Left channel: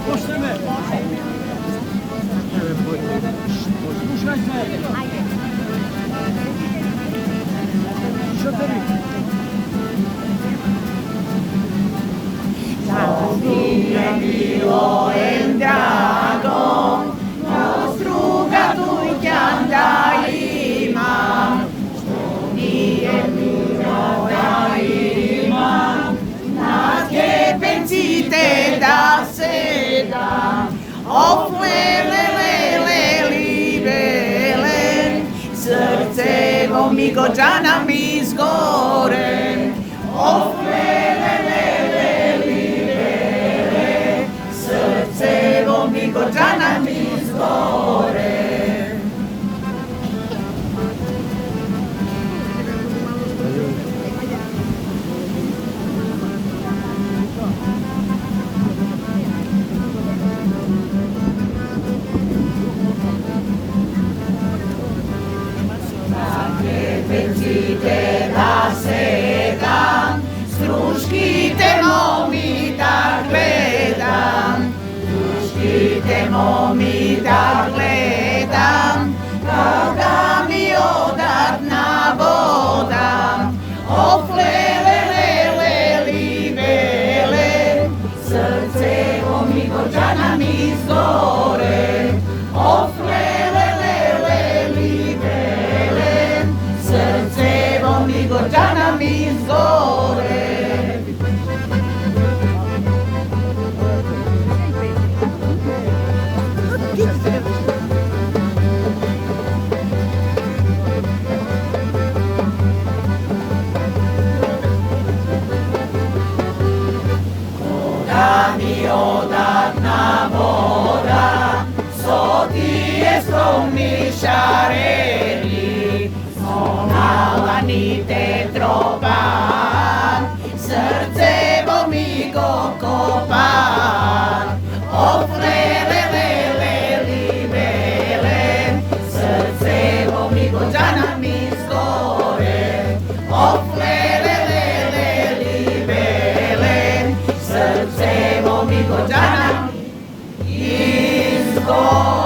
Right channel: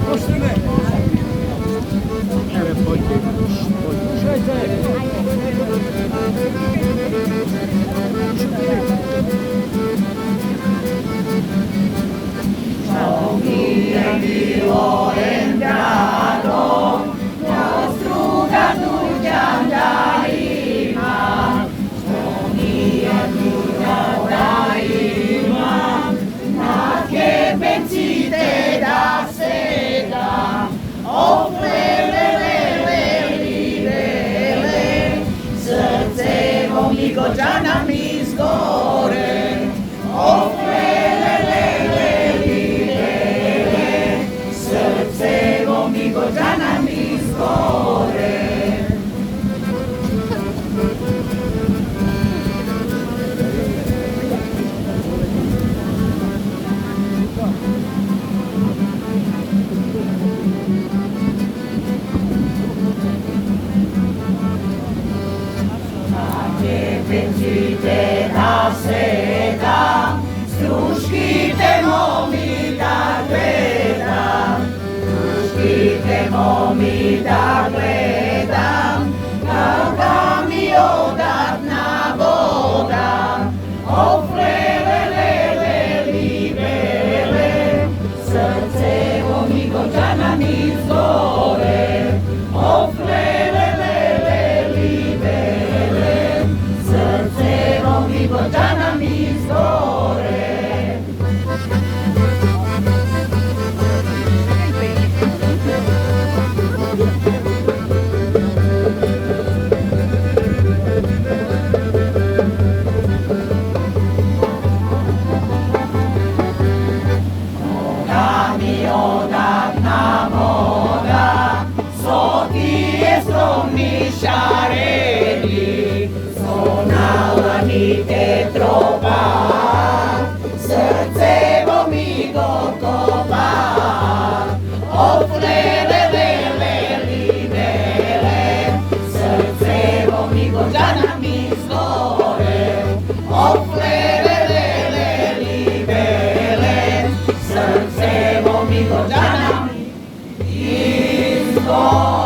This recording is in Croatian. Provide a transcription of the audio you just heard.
zaposlimy. Ruszajcie. Dio entrato, nostro carduglian daima, Sponi e Dio daima, ma che pensite da sera, o quelle libere, srce vomico già na mi sgore, o quelle Jana mi zgore. Ma che penzite da seta, struškite momi da gledam, momi da gledam, kao da mi odatna voda, oflele libele, srce momi gorčana mi zgore, oflele libele, srce momi gorčana mi zgore. Odatna voda, soti je stromi šareni, sonala ni te tropa, srce bo mi go kopa, oflele libere, srce bo mi go džana mi zgore, oflele libere, srce bo mi go džana mi zgore.